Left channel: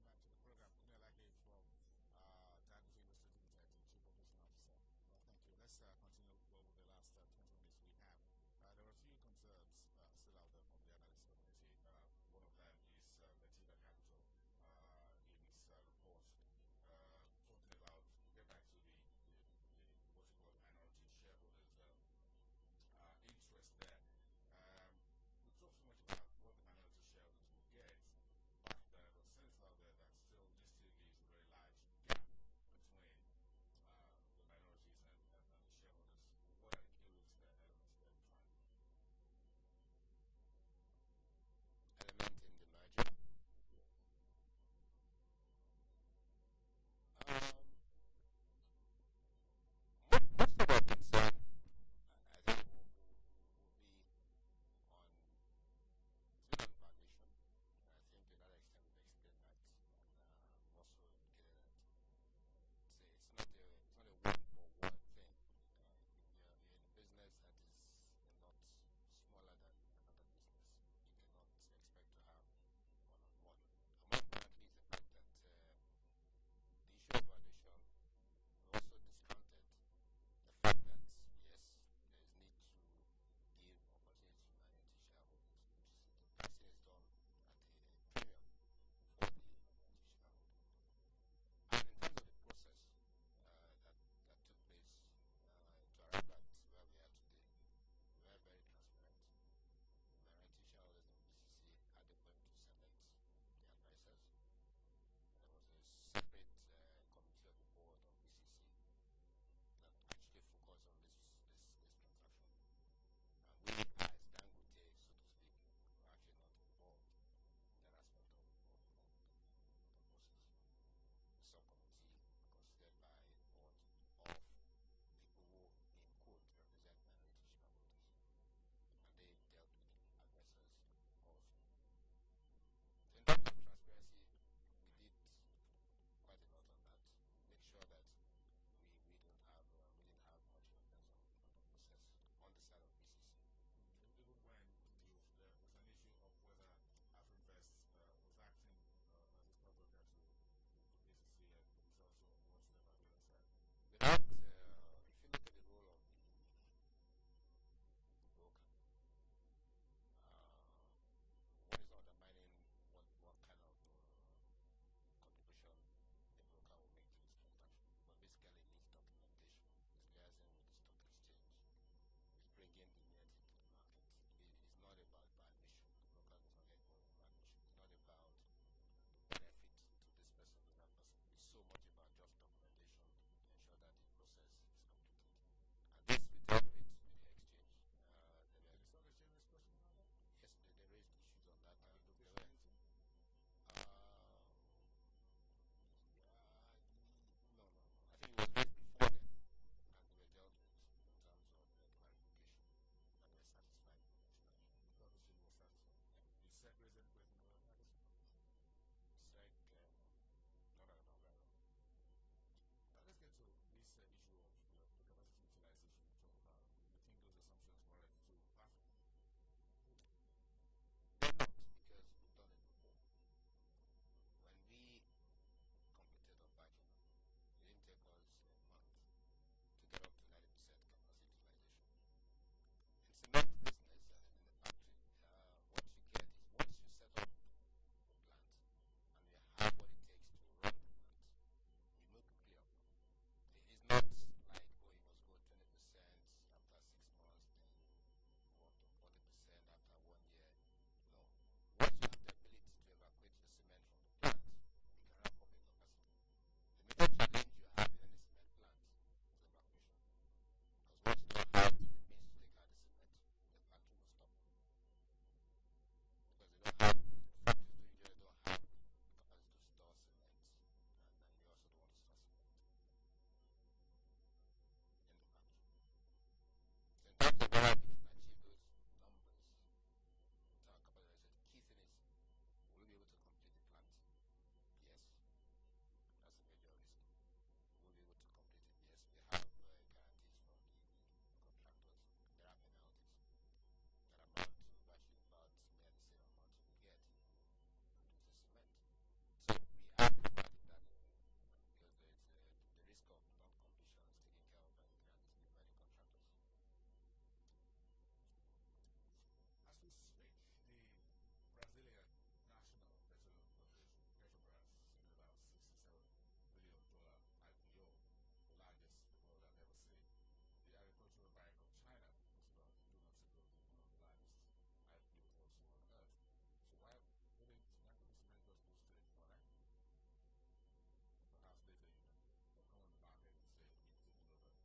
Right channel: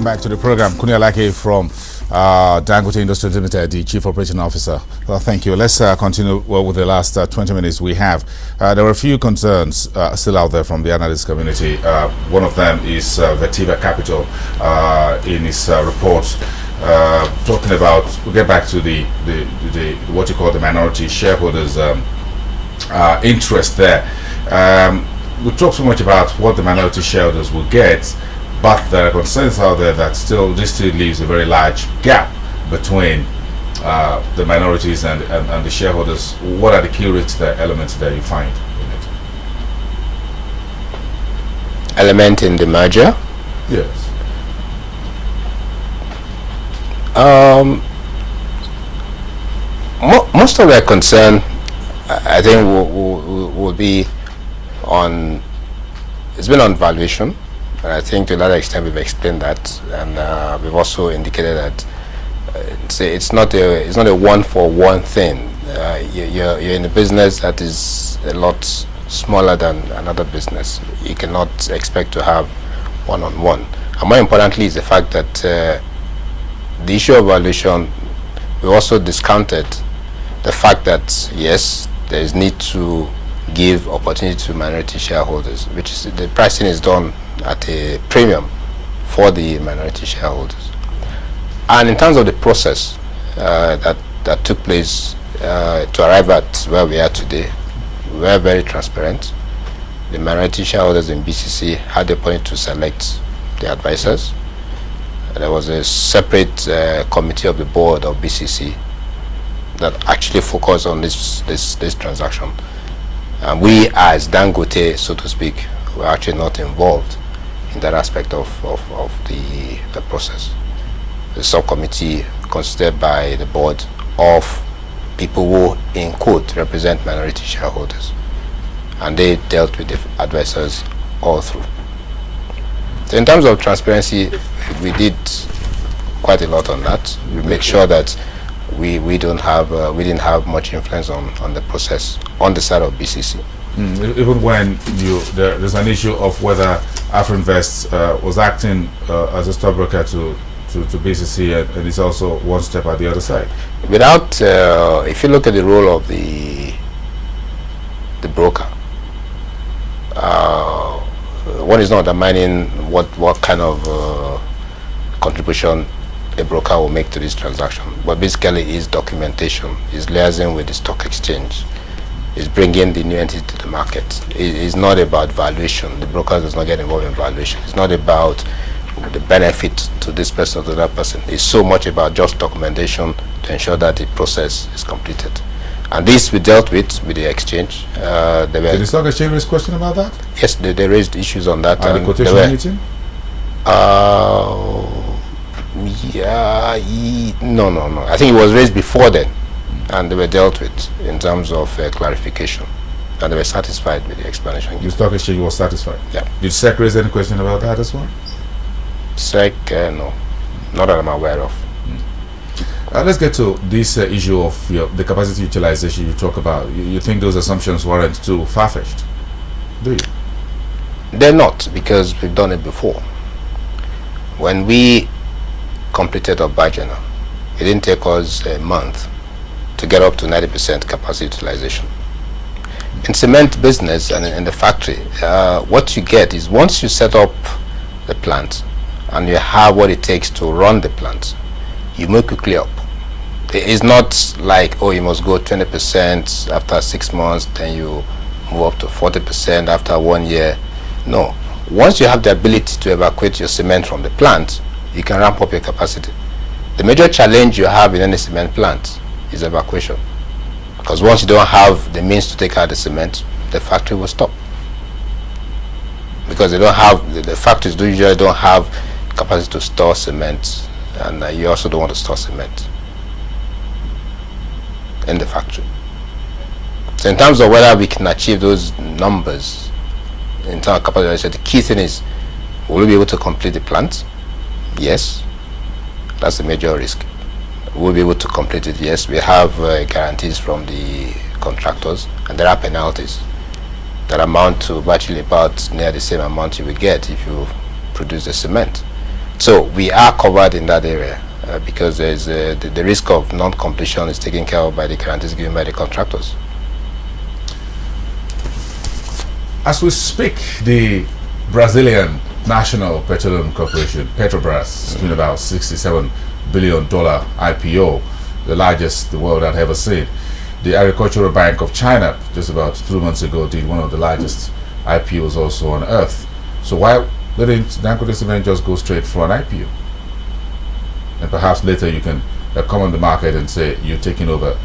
Welcome back to the program. Kuni Alake from Dangote Industries Limited, the Chief Operating Officer. Thank you. Let's continue with the last 20 minutes we have. There were a few concerns still out there from the analyst community. One of them is Vertiva Capital in its report talking about, we'll get back to the what you call the minority shareholders interest there. We talk so much about what the minority shareholders will get, but there are concerns out there that this still leaves a very large gap between the minorities and the shareholders. What are the key elements that you find in it? Element in the merger? Yes. Most of their concern, I think, will be on, it's been on valuation. And I think to that extent we've explained that, and we've also indicated that it's not a one-for-one thing. You're in a business that is a lot smaller than another business. You cannot expect to have one-on-one. And more importantly is the fact that the issue of valuation, we also discounted the fact that yes, there is need to give opportunity to minority shareholders, which is the pricing is done at a premium for the minority shareholders. And in terms of the process that took place to arrive at where we are today, we were very transparent. The minority shareholders in BCC had the point to select the advisors. There was a separate committee of the board of BCC that actually focused on this transaction. And we, as Dangote, so to speak, were actually not involved in that aspect of the process. The subcommittee consisted by the board of people who, in quote, represent minority shareholders. And they dealt with the advisors all through. So in terms of transparency, we did quite a lot on that. We make sure that we didn't have much influence on the process on the side of BCC. Even when there's an issue of whether Afrinvest was acting as a stockbroker to BCC, and it's also one step at the other side. Without, if you look at the role of the broker, one is not undermining what kind of contribution a broker will make to this transaction, but basically is documentation, is liaising with the stock exchange, is bringing the new entity to the market. It's not about valuation. The broker does not get involved in valuation. It's not about the benefit to this person or to that person. It's so much about just documentation to ensure that the process is completed. And this we dealt with the exchange. Did the stock exchange raise question about that? Yes, they raised issues on that. At the quotation meeting? No. I think it was raised before then, and they were dealt with in terms of clarification, and they were satisfied with the explanation. The stock exchange was satisfied? Yeah. Did SEC raise any question about that as well? SEC, no, not that I'm aware of. Let's get to this issue of the capacity utilization you talk about. You think those assumptions weren't too far-fetched, do you? They're not, because we've done it before. When we completed Obajana, it didn't take us a month to get up to 90% capacity utilization. In cement business and in the factory, what you get is once you set up the plant and you have what it takes to run the plant, you move quickly up. It's not like, oh, you must go 20% after 6 months, then you move up to 40% after 1 year. No. Once you have the ability to evacuate your cement from the plant, you can ramp up your capacity. The major challenge you have in any cement plant is evacuation. Because once you don't have the means to take out the cement, the factory will stop. Because they don't have, the factories usually don't have capacity to store cement, and you also don't want to store cement in the factory. So in terms of whether we can achieve those numbers in terms of capacity, the key thing is, will we be able to complete the plant? Yes. That's a major risk. We'll be able to complete it, yes. We have guarantees from the contractors, and there are penalties that amount to virtually about near the same amount you will get if you produce the cement. So we are covered in that area because there's the risk of non-completion is taken care of by the guarantees given by the contractors. As we speak, the Brazilian National Petroleum Corporation, Petrobras, is doing about $67 billion IPO, the largest the world had ever seen. The Agricultural Bank of China, just about 2 months ago, did one of the largest IPOs also on earth. So why didn't Dangote Cement just go straight for an IPO? And perhaps later you can come on the market and say you're taking over